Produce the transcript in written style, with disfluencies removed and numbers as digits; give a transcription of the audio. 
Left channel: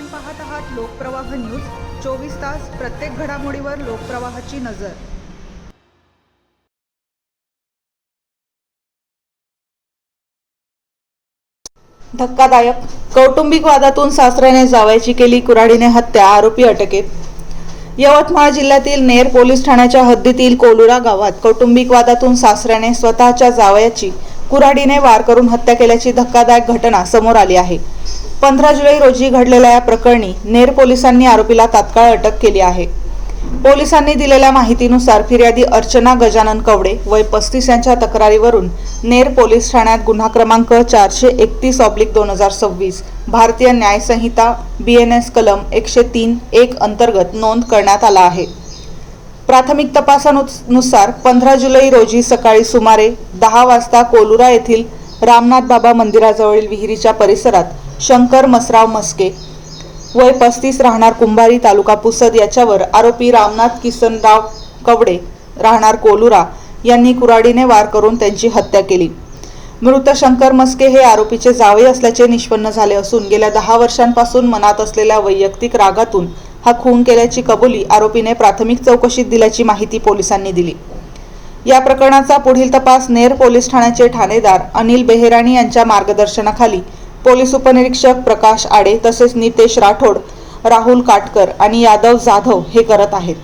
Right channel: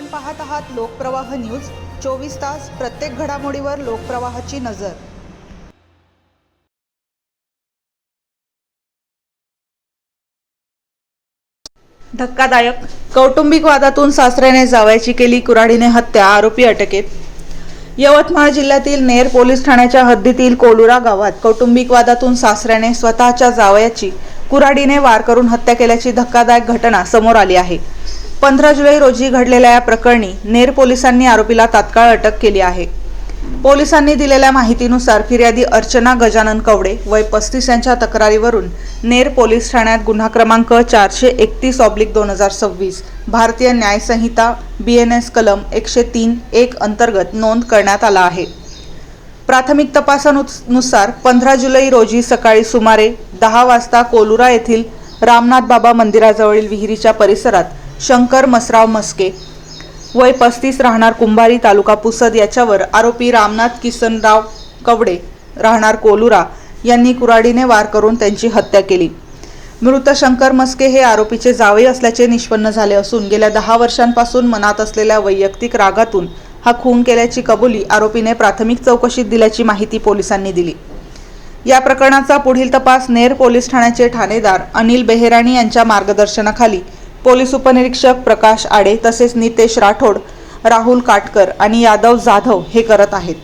आपण पाहत आहात लोकप्रवाह न्यूज। 24 तास प्रत्येक घडामोडीवर लोकप्रवाहाची नजर। धक्कादायक, कौटुंबिक वादातून सासऱ्याने जावयाची केली कुऱ्हाडीने हत्या, आरोपी अटकेत। यवतमाळ जिल्ह्यातील नेर पोलीस ठाण्याच्या हद्दीतील कोलुरा गावात कौटुंबिक वादातून सासऱ्याने स्वतःच्या जावयाची कुऱ्हाडीने वार करून हत्या केल्याची धक्कादायक घटना समोर आली आहे। 15 जुलै रोजी घडलेल्या या प्रकरणी नेर पोलिसांनी आरोपीला तात्काळ अटक केली आहे। पोलिसांनी दिलेल्या माहितीनुसार फिर्यादी अर्चना गजानन कवडे वय 35 यांच्या तक्रारीवरून नेर पोलीस ठाण्यात गुन्हा क्रमांक 431/2026 भारतीय न्याय संहिता BNS कलम 103(1) अंतर्गत नोंद करण्यात आला आहे। प्राथमिक तपासानुसार 15 जुलै रोजी सकाळी सुमारे 10 वाजता कोलुरा येथील रामनाथ बाबा मंदिराजवळील विहिरीच्या परिसरात शंकर मसराव म्हस्के वय 35 राहणार कुंभारी तालुका पुसद याच्यावर आरोपी रामनाथ किसनराव कवडे राहणार कोलुरा यांनी कुऱ्हाडीने वार करून त्यांची हत्या केली। मृत शंकर म्हस्के हे आरोपीचे जावई असल्याचे निष्पन्न झाले असून गेल्या 10 वर्षांपासून मनात असलेल्या वैयक्तिक रागातून हा खून केल्याची कबुली आरोपीने प्राथमिक चौकशीत दिल्याची माहिती पोलिसांनी दिली। या प्रकरणाचा पुढील तपास नेर पोलीस ठाण्याचे ठाणेदार अनिल बेहेराणी यांच्या मार्गदर्शनाखाली पोलीस उपनिरीक्षक प्रकाश आडे तसेच नितेश राठोड, राहुल काटकर आणि यादव जाधव हे करत आहेत।